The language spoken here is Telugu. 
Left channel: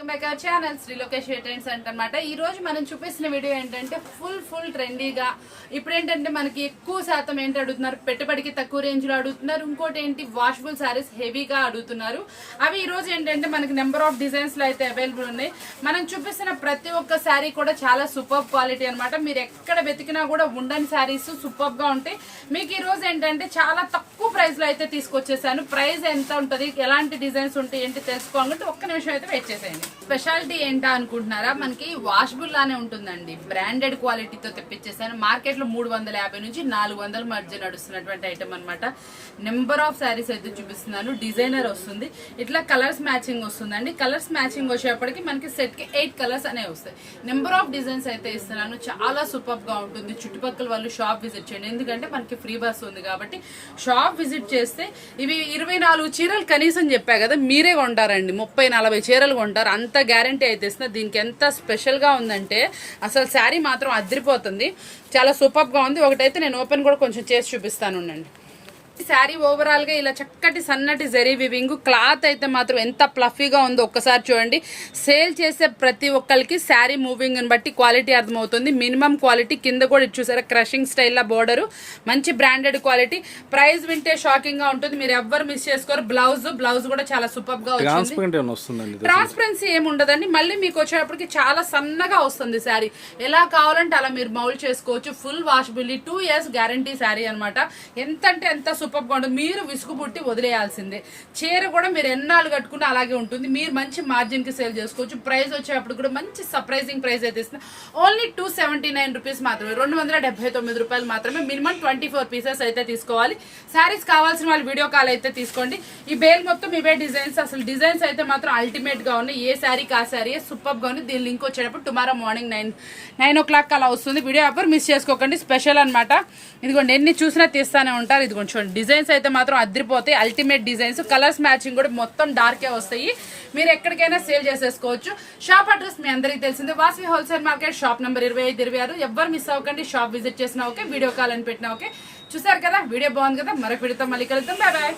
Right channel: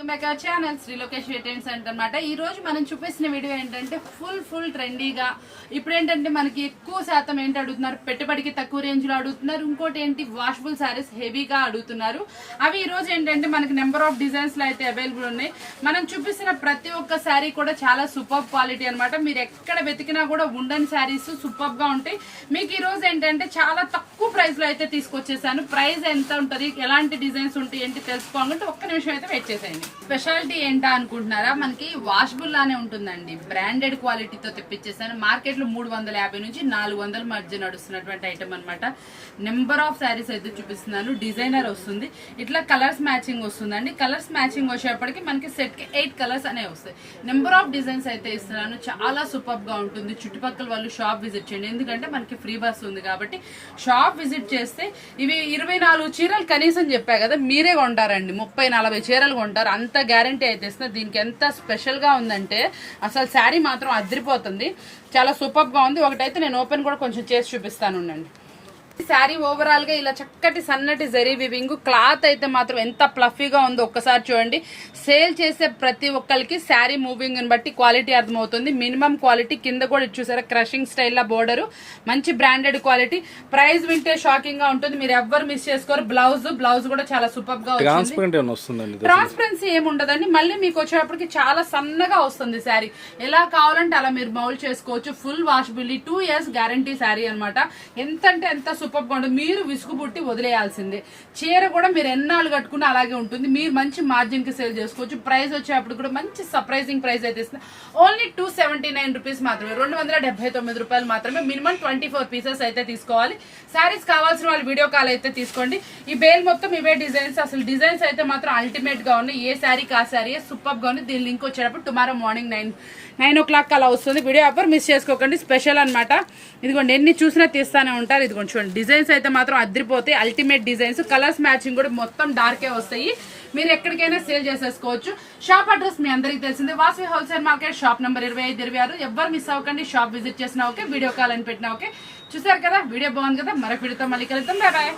ఛానల్ శ్రీ లోకేష్ సెంటర్ అనమాట. ఈ రోజు మనం చూపిస్తున్న వీడియో ఏంటంటే ఫుల్ ట్రెండీగా ఇప్పుడు ఏంటంటే మనకి ఎక్కువ శాతం ఏంటి అడుగుతున్నారు, పెట్టుబడికి తక్కువ రేంజ్ లో అడుగుతున్నారు. ఇంకోటి ఏంటి, వాషబుల్ శారీస్ హెవీగా అడుగుతున్నారు. అవి ఈ రోజు ఏంటంటే మనకి నెంబర్ ఆఫ్ డిజైన్స్ లో అయితే అవైలబుల్ ఉన్నాయి. మనం చూపిస్తున్న ప్రతి ఒక్క శారీ కూడా చాలా సూపర్ క్వాలిటీ అనమాట. మీరు ఎక్కడ వెతికినా కూడా ఉండని శారీస్ సూపర్ గా ఉంటాయి. మీకు ఈ రోజు ఏంటంటే చాలా తక్కువ ప్రైస్ లో అయితే తీసుకొచ్చేసాను. ప్రైస్ ఎంత ఉంటుంది, ఎలాంటి డిజైన్స్ ఉంటాయి ఏంటి తెలుసుకోవాలంటే ఒక్క నిమిషం అయితే వెయిట్ చేసేయండి. స్పెషాలిటీ ఏంటా అనుకుంటున్నారా, మనకి వాషబుల్ లానే ఉంటుందండి. బ్రాండెడ్ క్వాలిటీతో తెప్పించేసాను. మార్కెట్ లో 350 నుంచి 400 మధ్య నడుస్తున్నటువంటి ఐటమ్ అనమాట. నెంబర్ ఆఫ్ శారీస్ అయితే చూపిస్తున్నాను. డిజైనర్ వస్తుంది, ఇట్లా కలర్స్ మ్యాచింగ్ వస్తుందండి. కలర్స్ మ్యాచింగ్ వచ్చేప్పటికి మనకి సెట్ కి 8 కలర్స్ అనేవి వస్తాయి. నెంబర్ ఆఫ్ డిజైన్స్ అయితే ఇస్తున్నాను. చాలా సూపర్ గా ఉంటుంది. చుట్టుపక్కల వాళ్ళు షాప్ విజిట్ చేయండి, ఎందుకంటే మనకి ఫ్రీ బస్ ఉంది కాబట్టి. షాప్ విజిట్ చేస్తే ఇవి 24 చీరలు కనీసం చెప్పా కదా, మీరే కొంటారండి. 30-40 చీరలు కొంటారు, అంత గ్యారంటీ అయితే ఇస్తుంది. దీనికి ఎంత స్పెషల్ గా ఉందంటే అసలు శారీ మాత్రం అదిరిపోతుంది. చాలా సూపర్ గా ఉంది. ఒకటైతే నేను ఓపెన్ కూడా కొంచెం చేసి చూపిస్తాను ఉండండి. శారీ ఓవరాల్ గా ఇలా చక్కటి సన్నటి జరీ వివింగ్, క్లాత్ అయితే మాత్రం ఎంత ప్లఫీగా ఉందో ఒక్కసారి చూడండి. సేల్ చేసే ప్రతి ఒక్కరికి శారీ మూవింగ్ ని బట్టి క్వాలిటీ అర్థమవుతుంది. మినిమం క్వాలిటీ కింద కూడా చూసారా, క్రషింగ్ స్టైల్ బోర్డర్, మంచి బ్రాండెడ్ క్వాలిటీ. ప్రైస్ వింటే షాకింగ్ గా ఉంటుంది, మీరు ఎవ్వరు మిస్ చేసుకోరు. బ్లౌజ్ కూడా చాలా సూపర్ గా వస్తుంది. ట్రాన్స్పరెన్సీ ఏమి ఉండదండి. మళ్ళీ మీకు వచ్చేటప్పటికి చాలా సన్నగా వస్తుంది శారీ. ఎలా కావాలంటే అలా మీరు మౌల్డ్ చేసుకోవచ్చు. ఫుల్ వాషబిలిటీ, 2 years గ్యారంటీ శారీ అనమాట. ఎంత అంటే ఎంత సూపర్ గా ఉంటుంది. మీరు విసుగు పుట్టి వదిలేయాల్సిందే. చీర కూడా మీరు ఎన్నాళ్ళు కట్టుకున్నా అలాగే ఉంటుంది. మీరు మంచి మార్జిన్ కి సేల్ చేసుకోవచ్చు. ప్రైస్ వచ్చేటప్పుడు కూడా మంచి సర్ప్రైజింగ్ ప్రైస్ అయితే ఇస్తుంది. ఓన్లీ 279 రూపీస్ మాత్రమే, 279 రూపాయలు మాత్రమే. మినిమం 24 పీసెస్ అయితే తీసుకోవాలి. శారీస్ కావాల్సిన వాళ్ళు వీడియో కాల్ అయితే తీసుకోండి. ఈ బేల్ మొత్తం ఇవే డిజైన్స్. అసలు డిజైన్స్ అయితే మాత్రం అల్టిమేట్ గా ఉన్నాయి. ఏ శారీకి ఆ శారీ సూపర్ గా ఉంది. దీని లింక్ వచ్చేటప్పుడు టుమారో మార్నింగ్ 9 o'clock అలా వస్తుంది. వీడియో ఎవరు మిస్ చేసుకోకండి. స్పెషల్ అనమాట. ఇదిగోండి, ఎన్ని చూసినా తీస్తానే ఉంటారు. ఇదిగోండి చూడండి, డిజైన్స్ అయితే మాత్రం అదిరిపోతాయి. Ultimate designs. కలర్స్ మ్యాచింగ్ కూడా మొత్తం డార్కే వస్తాయి. మీరు ఎక్కడికైనా సేల్ చేసేసుకోవచ్చు. షాప్ అడ్రస్ మీ అందరికీ తెలిసిందే, Vasavi wholesale market, shop number 25-26. ఎవ్వరు మిస్ అవ్వకండి. షాప్ విజిట్ చేసినా ఓకే, వీడియో కాల్ అని పెట్టినా ఓకే. చూసారు కదా, వీడియో బాగుంది కదా. మరొక వీడియోతో మళ్ళీ కలుద్దాం. Bye bye.